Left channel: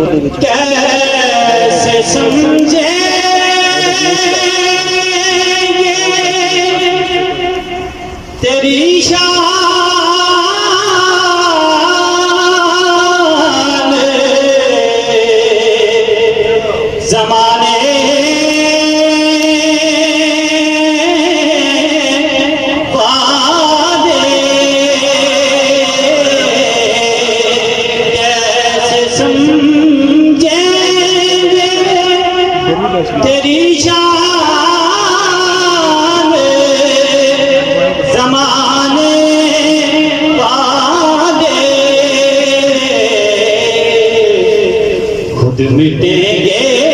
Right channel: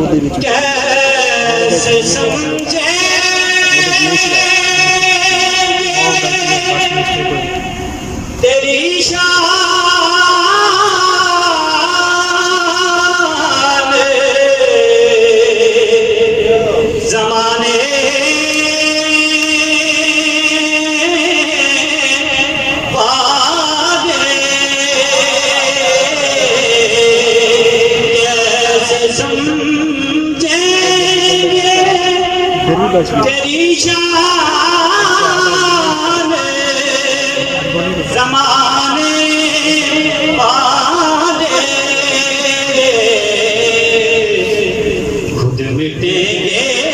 कैसे समझे तेरी शान ज़माने वाले कैसे समझेंगे तेरी शान ज़माने वाले खुद मिटेंगे